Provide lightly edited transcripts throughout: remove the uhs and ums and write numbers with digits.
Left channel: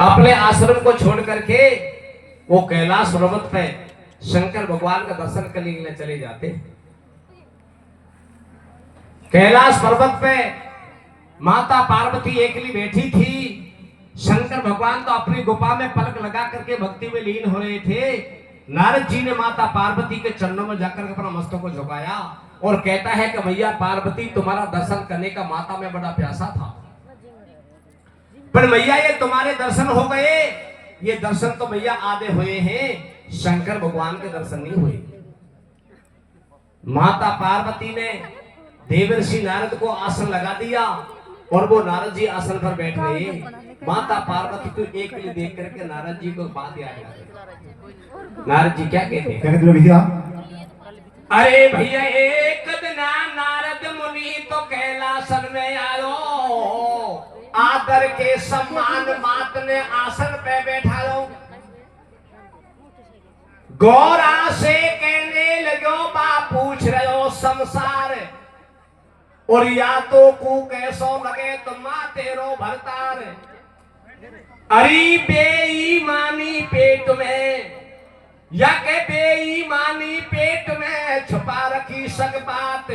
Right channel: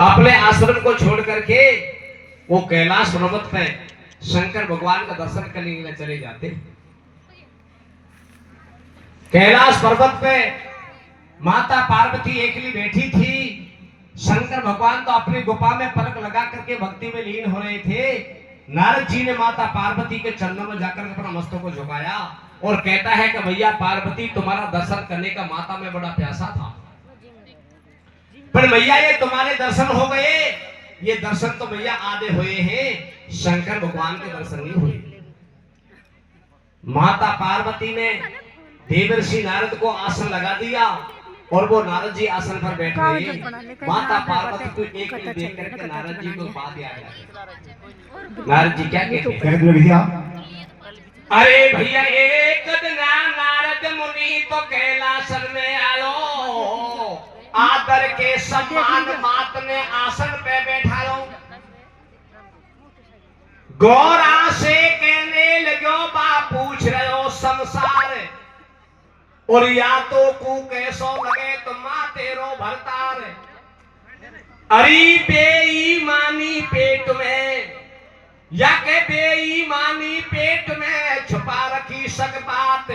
अपने आश्रम को छोड़ करके वो कैलाश पर्वत पे शंकर भगवान का दर्शन करने के लिए चले जाते। कैलाश पर्वत पे माता पार्वती अकेली बैठी थी। शंकर भगवान तो अपनी गुफा में पलक लगा करके भक्ति में लीन हो रहे थे। नारद जी ने माता पार्वती के चरणों में जाकर अपना मस्तक को झुकाया और कहता है कि भैया पार्वती, तुम्हारा दर्शन करने का माता में बड़ा प्यासा था, पर भैया ये तुम्हारे दर्शन हो गए। ये दर्शन तो भैया आधे हुए हैं, शंकर भगवान के दर्शन नहीं हुए। माता पार्वती ने देवर्षि नारद को आसन लगा दिया और वो नारद जी आसन पर बैठ गए। माता पार्वती को एक देख करके नारद जी को बात याद आ गई। नारद जी क्या कहते हैं भैया? अरे भैया, एक दिन नारद मुनि तो कैलासन में आयो, आदर के सम्मान मात ने आसन पे बैठायो। गौरा से कहने लगो, बा पूछ रहो संसार, और या तो कू कैसो लगे तो मां तेरो भरतार। अरे बेईमानी पेट में, या के बेईमानी पेट में छुपा रखी सक बात,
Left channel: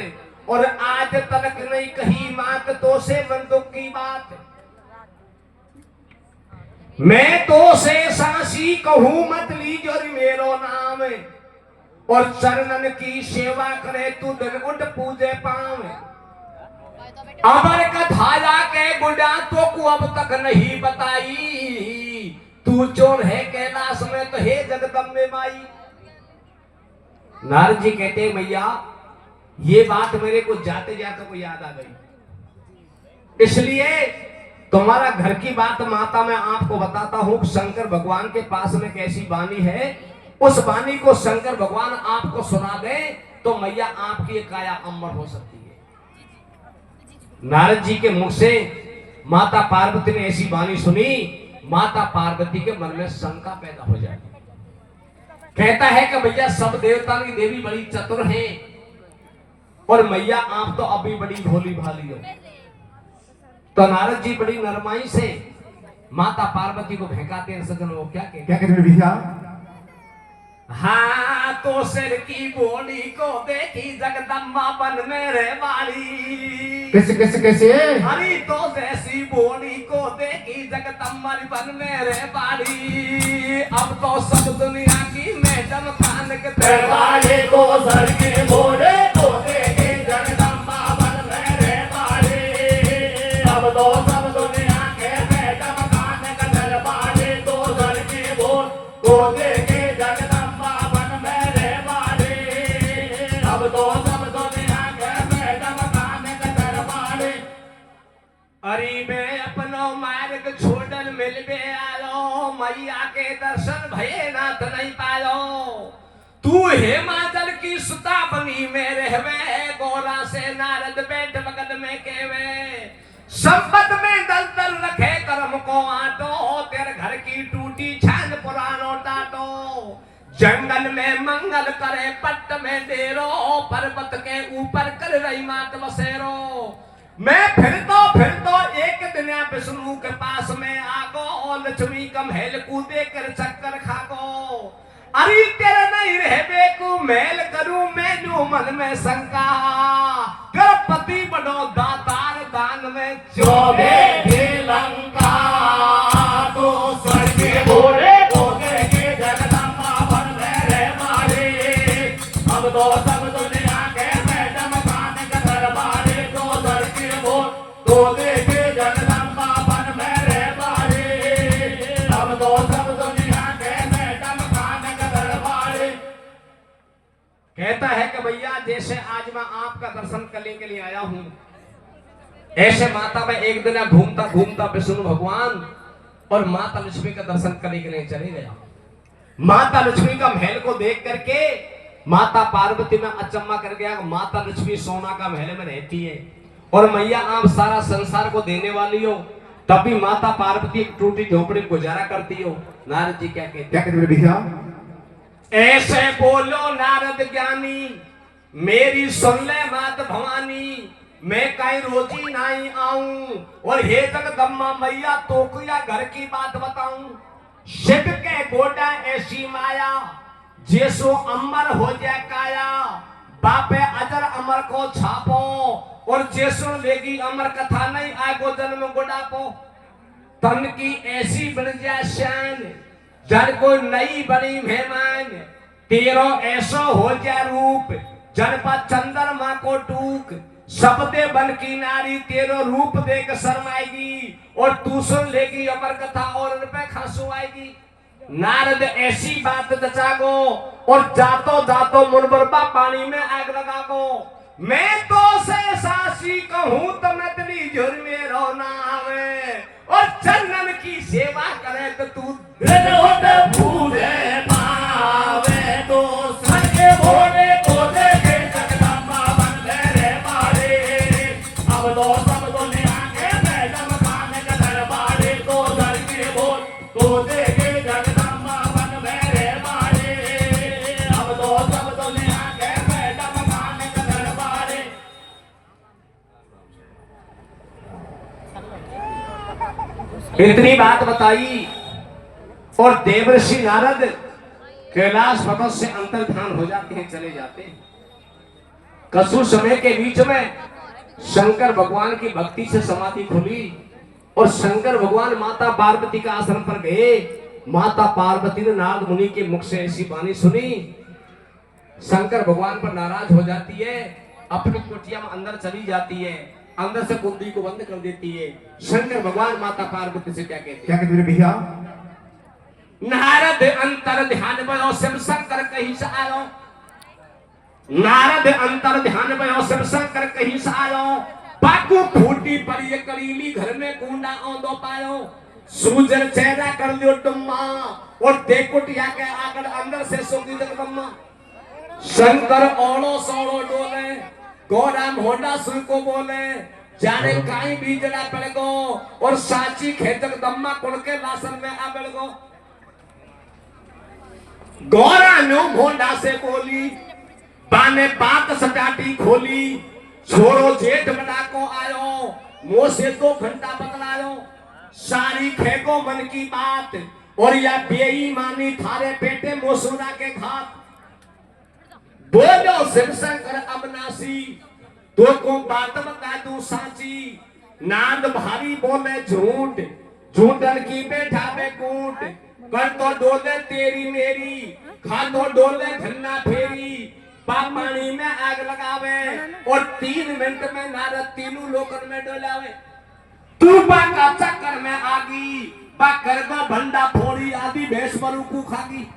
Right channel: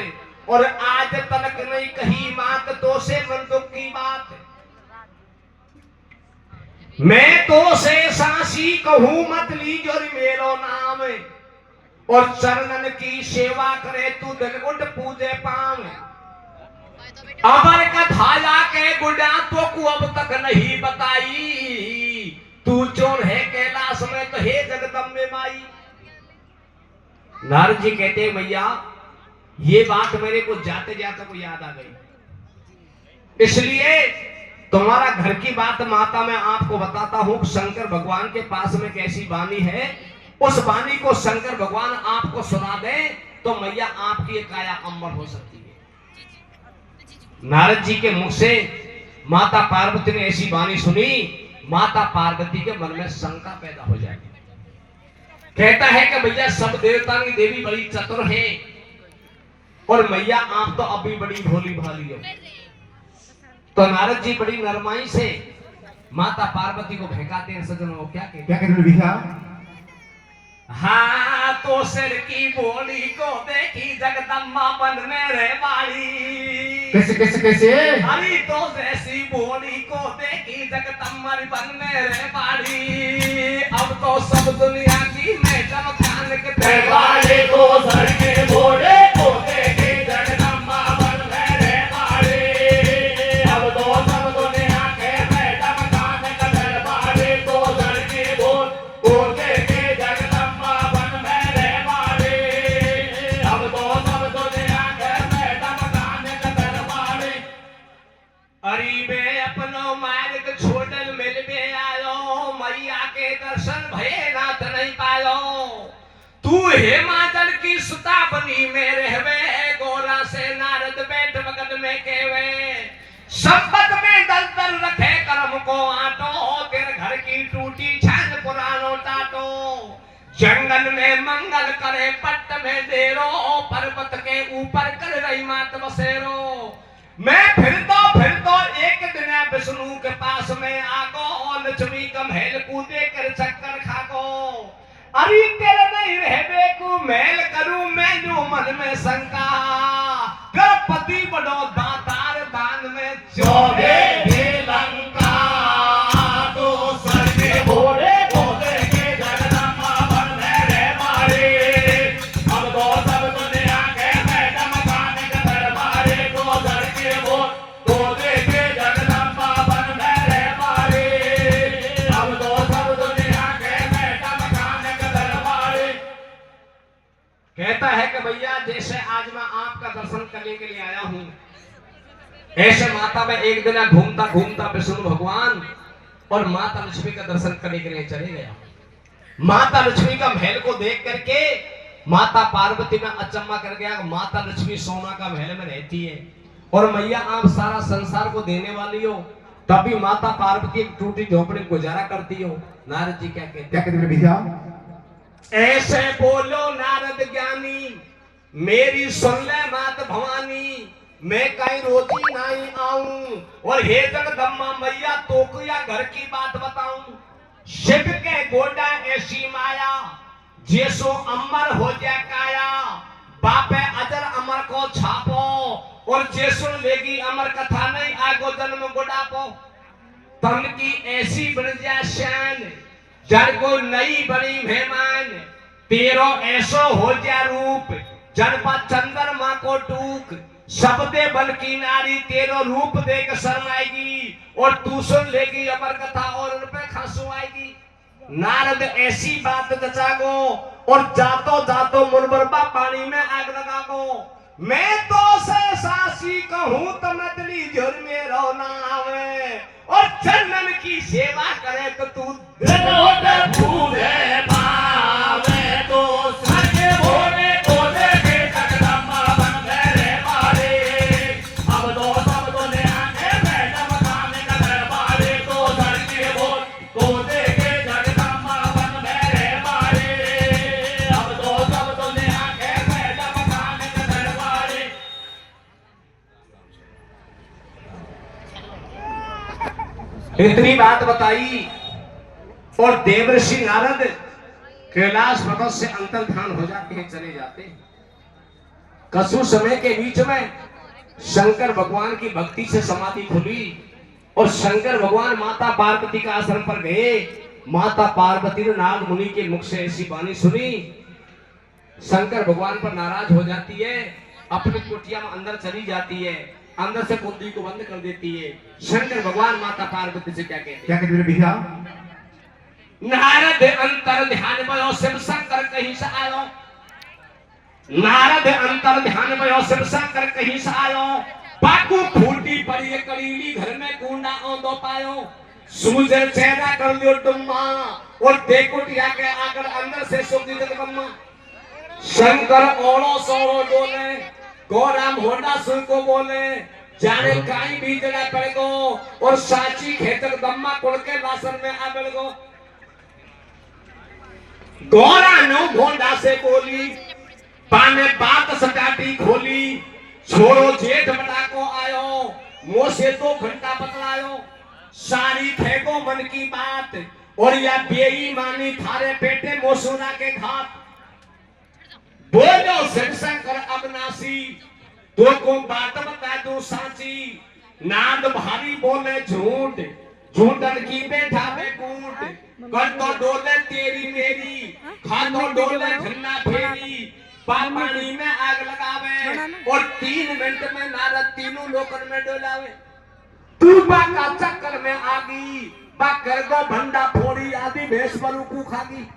और आज तक नहीं कही मात तो से मन दुख की बात। मैं तो से सांसी कहूं मत लीजो मेरो नाम, और चरणन की सेवा करे तू दिन उठ पूजे पावे। अमर कथाया के गुड़ा तो को अब तक नहीं बताई, तू चोर है कैलाश में तो हे जगदम्बे माई। नारद जी कहते मैया, ये बात मेरे को जाते जाते को याद आ गई, इसलिए तुम्हारा घर की बात माता मैं आपको बताता हूं। शंकर भगवान के पास में कैसी वाणी है, उस वाणी को शंकर भगवान आपको सुना दे तो मैया आपकी काया अमर हो सकती है। नारद जी के मुख से माता पार्वती ने ऐसी वाणी सुनी, माता पार्वती के मन में शंका पैदा हो जाएगी। कहता है कि भैया सब देवता की देवी बड़ी चतुर है, और मैया आप तो अभी बड़ी भोली भाली हो। तो नारद जी बड़ी नरमाई से माता पार्वती को भेंकाते हैं। सज्जन वो क्या कहते हैं भैया? हाँ, तो सिर की बोली को देखी जगदम्बा बन में रे बाड़ी। कैसे कैसे कैसे? अरे तो जैसी बोली को देखी जगदम्बा बन में रे बाड़ी। अब तो सब दुनिया की मैडम खान के दरबारे को सर के बोले को देखी जगदम्बा बन में रे बाड़ी। अब तो सब दुनिया के मैडम खान के दरबारे को सर की बोल को देखी जगदम्बा बन में रे बाड़ी। अब तो सब दुनिया के मैडम खान के दरबारे। अरे मैं अपनो मार्ग छोड़ल मिल में आयो, मैया के दर्शन भये नाथ नहीं पायो। तू हिमाचल की सुता बनी में रहवे, गोरा से नारद बैठ मगन में केवे। संपत में दल दल रखे कर्म को आटो, तेरे घर की टूटी छान पुरानो टाटो। जंगल में मंगल करे पट्ट में देरो, पर्वत के ऊपर कर रही मात बसेरो। मैं फिर तो एक दिन विष्णु के पास में आगो, लक्ष्मी का महल कूदे कर चक्कर खागो। अरे तेरे नहीं रहबे को मेल करूं मैं जो मन में शंका। गणपति बड़ो दातार दान में चौबे लंका। तो सर के भोले को देखे जगदम्बा बन रे मारे। अब तो सब दुनिया के मैडम खान के दरबारे को सर के भोल को देखे जगदम्बा बन रे मारे। अब तो सब दुनिया के मैडम खान के दरबारे। कहता है कि भैया जैसे आज मैं आपका दर्शन करने के लिए आया हूं, ऐसे माता में एक दिन घूमता घूमता विष्णु भगवान और माता लक्ष्मी का दर्शन करने के लिए चले गया। माता लक्ष्मी का महल को देख करके माता पार्वती में अचंबा कर गया। माता लक्ष्मी सोना का महल में रहती है और मैया आप सारा संसार को देने वाली हो, तभी माता पार्वती एक टूटी झोपड़ी गुजारा करती हो। नारद जी क्या कहते हैं भैया? ऐसे बोलो नारद ज्ञानी, मेरी सुन ले मात भवानी। मैं कहीं रोजी नहीं आऊं, और हे जगदम्बा मैया तो या घर की बात बताऊं। शिव के गोडा ऐसी माया जैसो अमर हो जाए काया बापे अजर अमर को छापो और जैसो लेगी अमर कथा नहीं आगो जन्म गुडापो तन की ऐसी बन जाए शान जड़ को नई बनी मेहमान तेरो ऐसो हो जाए रूप जनपा चंद्रमा को टूक सबदे बल की नारी तेरो रूप देख शर्माएगी और तू सुन लेगी अमर कथा और उन पे खसू आएगी। नारद ऐसी बात जचागो और जातो जातो मुनबरबा पानी में आग लगागो मैं तो से सासी कहूं तो नदली झुर में रोना आवे और चंदन की सेवा करे तो तू दिल भूले पावे तो सके भोले को देखे जगदम्बा बन गए मारे अब तो सब दुनिया के मैडम खाने का दरबारे तो दर के बोल को देखे जगदम्बा बन गए मारे अब तो सब दुनिया के मैडम खाने का दरबारे। इतनी बात बताई और देवर्षि नारद कैलाश पर्वत से अंतर्धान हो जाते हैं, चले जाते हैं। कसु समय के बीच में शंकर भगवान की भक्ति से समाधि खुली और शंकर भगवान माता पार्वती का आश्रम पर गए। माता पार्वती ने नारद मुनि के मुख से ऐसी वाणी सुनी, शंकर भगवान पर नाराज हो जाती है, अपनी कुटिया में अंदर चली जाती है, अंदर से कुंडी को बंद कर देती है। शंकर भगवान माता पार्वती से क्या कहते हैं भैया? नारद अंतर ध्यान भयो शिव शंकर कहीं से आयो, नारद अंतर ध्यान भयो शिव शंकर कहीं से आयो, बाकू फूटी पड़ी करीली घर में कूंडा औंदो पायो, सूजन चेहरा कर दियो टुम्मा और देखुटिया के आकर अंदर से सोगी जगदम्मा। शंकर ओलो सोलो डोले गौराम होंडा सुन को बोले जाने काई बीजना पड़ेगो और साची खेतक दम्मा कुड़ के लासन में आ पड़ेगो। गौरा नो भोंडा से बोली पाने बात सटाटी खोली, छोरो जेठ बड़ा को आयो मुंह से 2 घंटा बतलायो, सारी फेंको मन की बात और या बेईमानी थारे पेटे मोसुना के घात। बोलो शिव शंकर अविनाशी तो को बात बता दू साची, नाद भारी बोले झूठ झूठन की बैठा में कूट, कर तो डोले तेरी मेरी खा तो डोले धन्ना फेरी, पानी में आग लगावे और 3 मिनट में नारद तीनों लोकन में डोलावे। तू बाका चक्कर में आगी बकर को भंडा फोड़ी आदि भैंस बलू को खागी।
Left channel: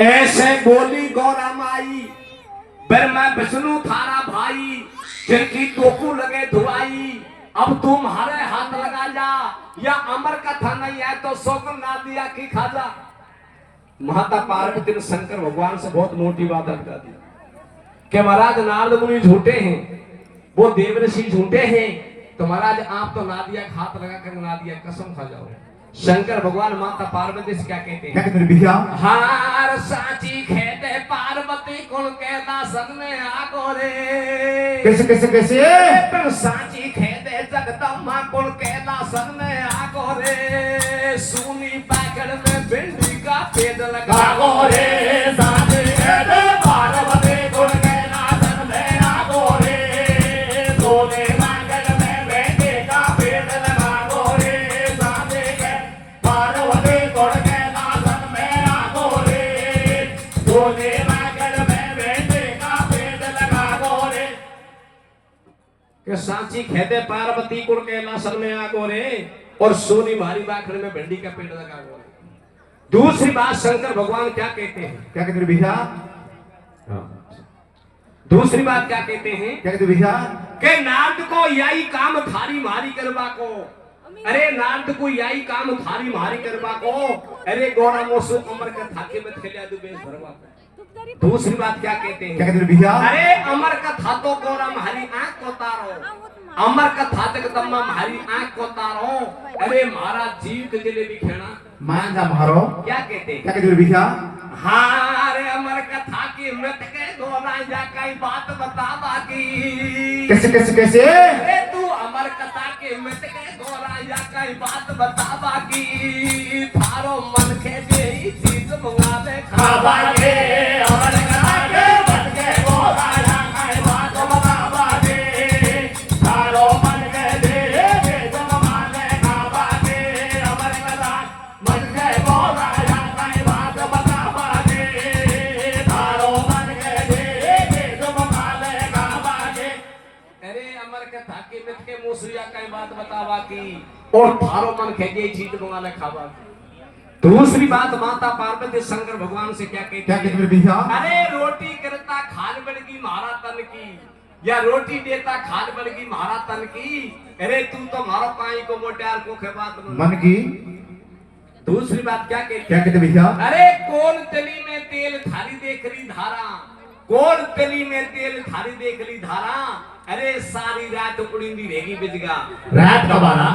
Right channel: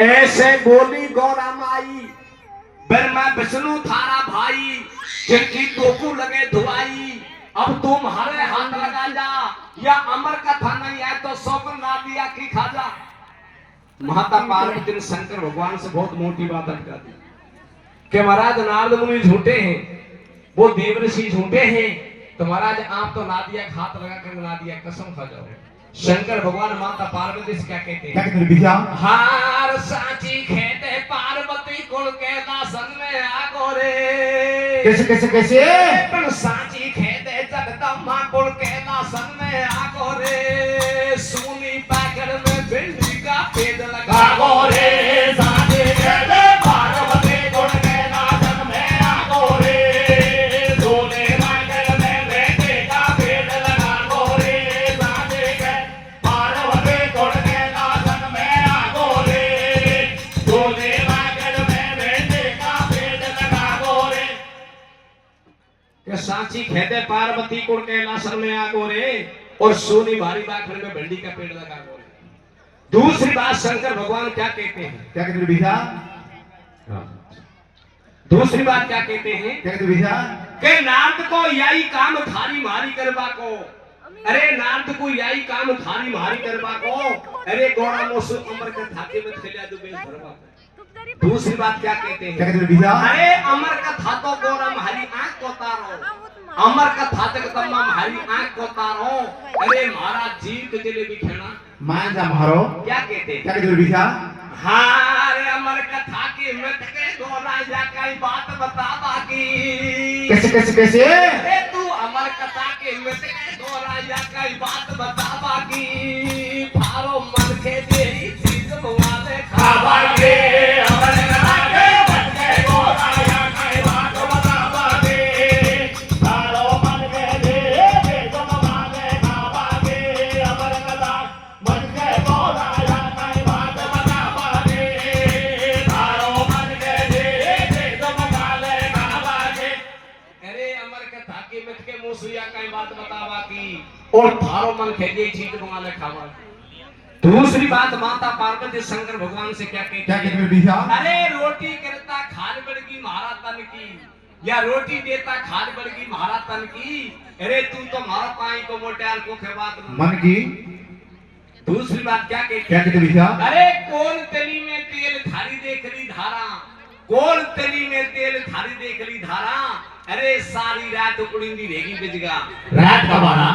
ऐसे बोली गौरा माई ब्रह्मा विष्णु थारा भाई, जिनकी टोकू लगे धुआई, अब तुम्हारे हाथ लगा जा या अमर कथा नहीं है तो सौगन ना दिया की खा जा। माता पार्वती ने शंकर भगवान से बहुत मोटी बात अटका दी कि महाराज नारद मुनि झूठे हैं, वो देवऋषि झूठे हैं, तो महाराज आप तो नादिया हाथ लगा कर नादिया कसम खा जाओ। शंकर भगवान माता पार्वती से क्या कहते हैं? क्या कहते हैं भैया? हार साची खेते पार्वती कुल के दासन में आगो रे। कैसे कैसे कैसे? पर साची खेते जगदम्बा कुल के दासन में आगो रे, सुनी पाकर में भिंडी का पेड़ लगा गो रे, साची खेते पार्वती कुल के दासन में आगो रे, सोने नागर में बेटे का पेड़ लगा गो रे, साची खेते पार्वती कुल के दासन में आगो रे, सोने नागर में बेटे का पेड़ लगा गो रे। साची खेते पार्वती कुल के लासन में आगो रे और सोनी भारी बाखर में भिंडी का पेड़ लगा गो रे। दूसरी बात शंकर भगवान क्या कहते हैं? क्या कहते हैं भैया? दूसरी बात क्या कहते हैं? क्या कहते हैं भैया? कि नारद को यही काम थारी मारी करवा को, अरे नारद को यही काम थारी मारी करवा को, अरे गौड़ा मोसु अमर के थाके में थैलिया दो बेस भरवा को। दूसरी बात क्या कहते हैं? क्या कहते हैं भैया? अरे अमर का था तो गौरा हरी आंख को तारो, अमर का था तो तम्मा हरी आंख को तारो, अरे महाराज जीव के जलेबी खेना मान जा मारो। क्या कहते हैं? क्या कहते हैं भैया? हाँ अरे अमर कथा की मत के गौरा जा कई बात बता बाकी। कैसे कैसे कैसे? अरे तू अमर कथा के मत के गौरा या कई बात बतावा की थारो मन के जे चीज मंगाले खावा के हमरे आगे बन के गोरा या कई बात बतावा के थारो मन के जे चीज मंगाले खावा के हमरे मन के गोरा या कई बात बतावा के थारो मन के जे चीज मंगाले खावा के अरे अमर के थाकी मिट के मुसरिया कई बात बतावा की और थारो मन खेजे चीज मंगाले खावा की दूसरी बात माता पार्वती शंकर भगवान से क्या कहती भैया अरे रोटी करता खान बड़गी महारा तन की या रोटी देता खान बड़गी महारा तन की अरे तू तो मारो काई को मोटार को खे बात मन की दूसरी बात क्या कहती भैया अरे कौन तली में तेल थारी देख ली धारा कौन तली में तेल थारी देख ली धारा अरे सारी रात उड़ींदी रहेगी बिजगा रात का बारा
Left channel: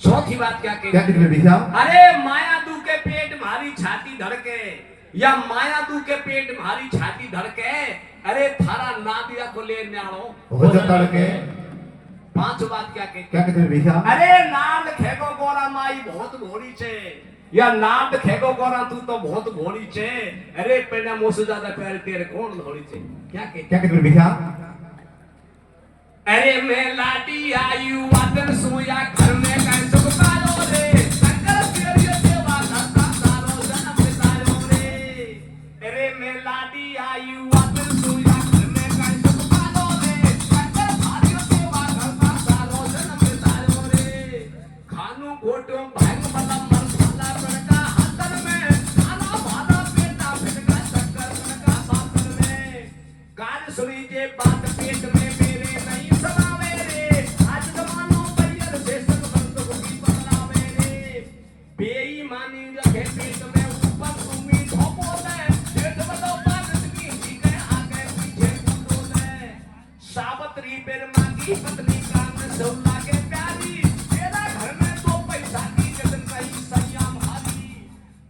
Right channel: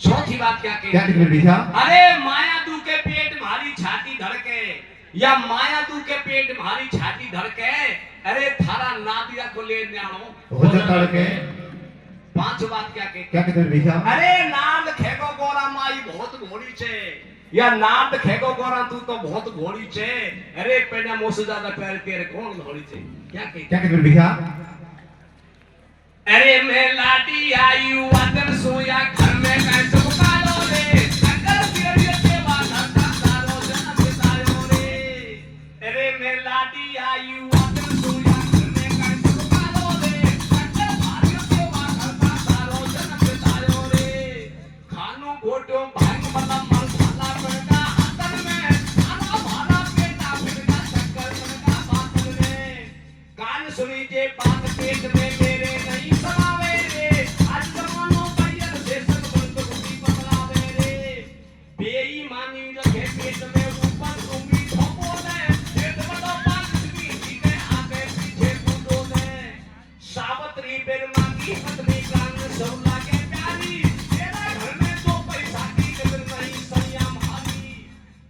चौथी बात क्या कहती भैया अरे माया दू के पेट मारी छाती धड़के या माया दू के पेट मारी छाती धड़के अरे थारा नादिया को ले न्याणो हो जाता के पांच बात क्या कहती भैया अरे नाद खेगो गोरा माई बहुत घोड़ी छे या नाद खेगो गोरा तू तो बहुत घोड़ी छे अरे पेना मोसे ज्यादा प्यार तेरे कौन घोड़ी छे क्या कहती भैया अरे मैं लाटी आई वातन सोया घर में कैसे पालो रे शंकर तेरी सेवा करता सारो जन्म बितायो रे अरे मैं लाटी आई वातन सोया घर में कैसे पालो रे शंकर तेरी सेवा करता सारो जन्म बितायो रे खानू घोटो भांग वाला मन खाना पड़का हाथन में खाना भाला पेटा फिरका शंकर का बातन में कान सुनी जे बात पेट में मेरे नहीं सलावे रे आज जमानो परियर से सब बंद होगी बदलावे रे बेईमानी लगे पेट में ऊपर उम्मीद हो बोले पेट में तो बात की ठीक है आगे पीछे कूदो ने सावत्री बेर मांगी पत्नी कान सौला के प्यारी तेरा घर में तो पैसा की कदर नहीं संयम हारी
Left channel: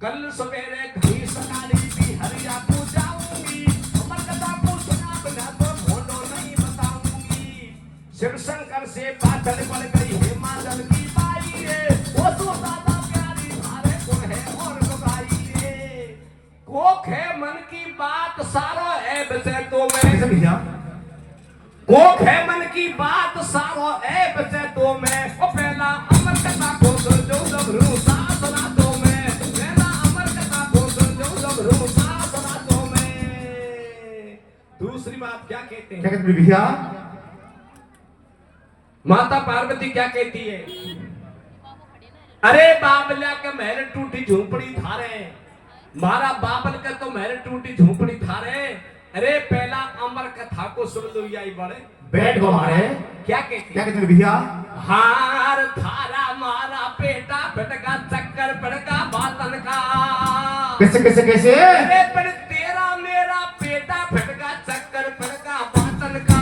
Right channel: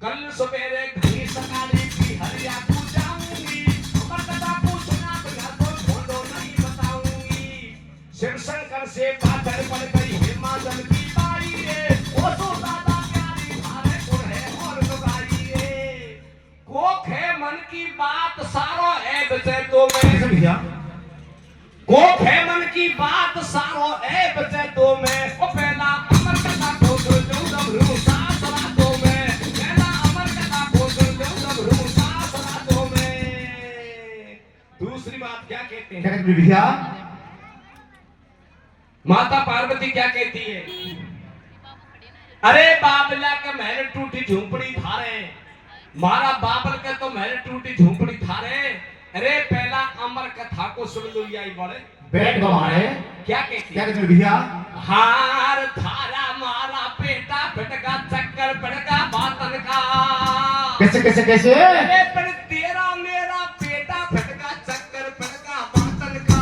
कल सवेरे घड़ी सकाली की हरिया को जाऊंगी अमर कथा को सुना बिना तो ढोलो नहीं बताऊंगी शिव शंकर से बादल पड़ गई हिमाचल की बाई रे वो तो ज्यादा प्यारी भारे को है और गाई रे कोख है मन की बात सारो ऐब से तो मैं भैया कोख है मन की बात सारो ऐब से तो मैं ओ पहला अमर कथा को जो गभरू सास रातों में पहला अमर कथा को जो गभरू सास रातों में दूसरी बात क्या कहते हैं भैया माता पार्वती क्या कहती है अरे बाबला के महल टूटी झोपड़ी थारे मारा बाबल का तो महल टूटी झोपड़ी थारे अरे पहला अमर कथा को सुन लो याई बड़े बैठ गो हमारे क्या कहती भैया हार थारा मारा पेटा फटका चक्कर पड़का बातन का कैसे अरे पर तेरा मेरा पेटा फटका चक्कर पड़का बातन का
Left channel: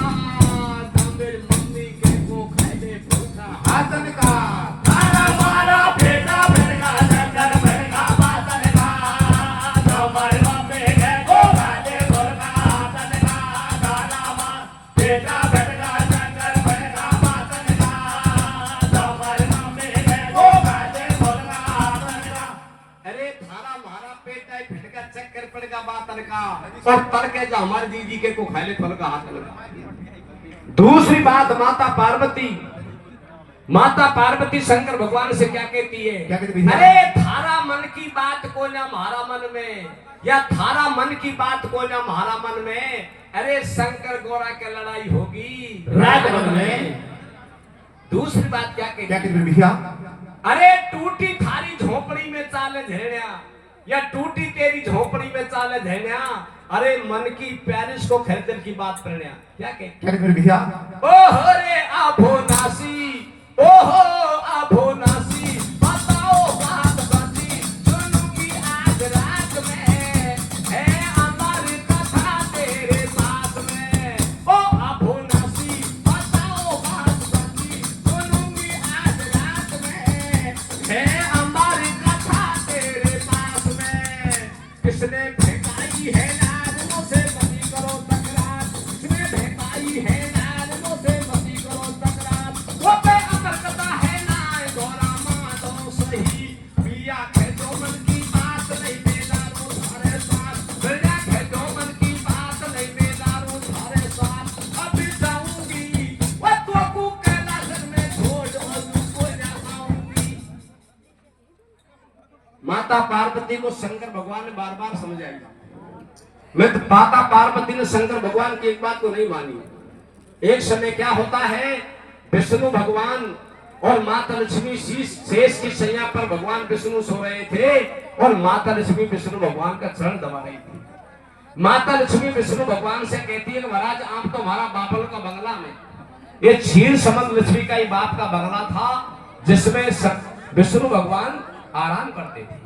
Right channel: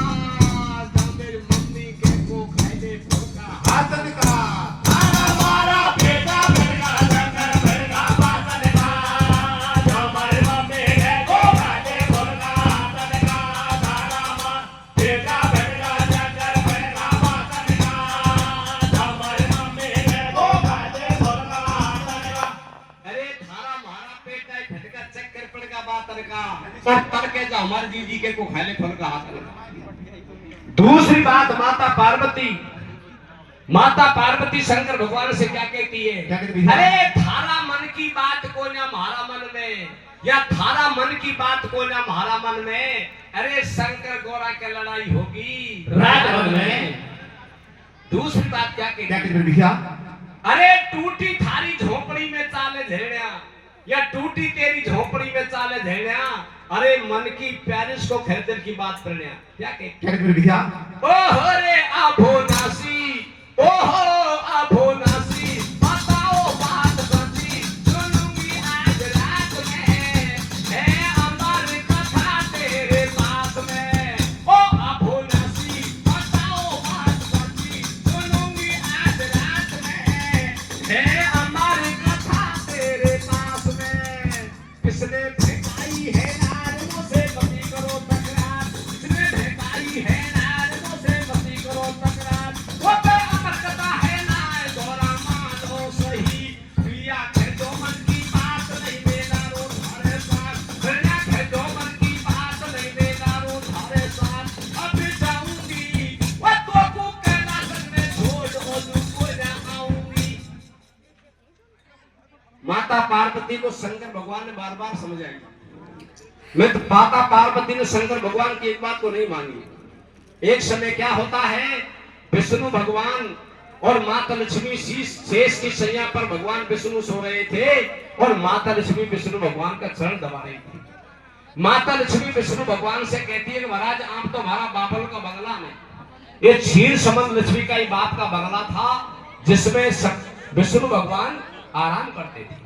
मेरी मम्मी के को खाए दे फटका हाथन का थारा मारा पेटा फटका चक्कर पड़का बातन का हमारे मम्मी के को खाए दे फटका बातन का थारा मारा पेटा फटका चक्कर पड़का बातन का हमारे मम्मी के को खाए दे फटका बातन का अरे थारा मारा पेटा ही फटका चक्कर पड़का बातन का पर तर के जो हमारे दीदी के को खाए ले फटका हाथन का दूसरी बात माता पार्वती शंकर भगवान से क्या कहती क्या कहती है भैया? अरे थारा मन की बात को ना हमारा मन में या थारा मन की बात को ना हमारा मन में अरे शंकर गौरा के लड़ाई होगी रात भर में दूसरी बात क्या कहती है भैया अरे टूटी थारी झोपड़ी में चाले झेड़िया या टूटी तेरी झोपड़ी में चाले झेड़िया अरे मन की प्यारिश को खरीदने की बात प्रणया क्या कहती भैया ओहो रे आभो नासी ओहो आभो नासी बताओ बात सच्ची सुनूंगी आज रात में है हमारी कथा तेरे पास में ओ आभो नासी बताओ बात सच्ची सुनूंगी आज रात में है हमारी कथा तेरे पास में किसने फेंकाई है नारदों से मती करो तकरार किसने फेंकाई है नारदों से मती करो तकरार वो पे अमर कथा है ना माता पार्वती को शंकर भगवान ने बार बार समझाया। मैं तो माता पार्वती ने शंकर भगवान की एक बात को नहीं मानी। एक समय क्या होता है, विष्णु भगवान और माता लक्ष्मी शेष की शैया पर भगवान विष्णु सो रहे थे और माता लक्ष्मी विष्णु भगवान का चरण दबा रही थी। माता लक्ष्मी विष्णु भगवान से कहती है कि महाराज आप तो हमारा बाबल का बंगला में, ये क्षीर समन लक्ष्मी का ही बाप का बंगला था जिसमें विष्णु भगवान आराम करते थे,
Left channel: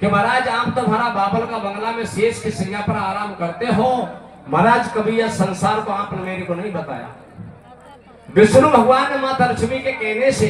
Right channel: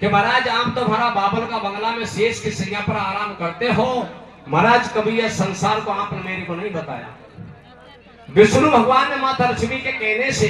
कि महाराज आप तो हमारा बाबल का बंगला में शेष की सैया पर आराम करते हो, महाराज कभी यह संसार को आपने मेरे को नहीं बताया। विष्णु भगवान ने माता लक्ष्मी के कहने से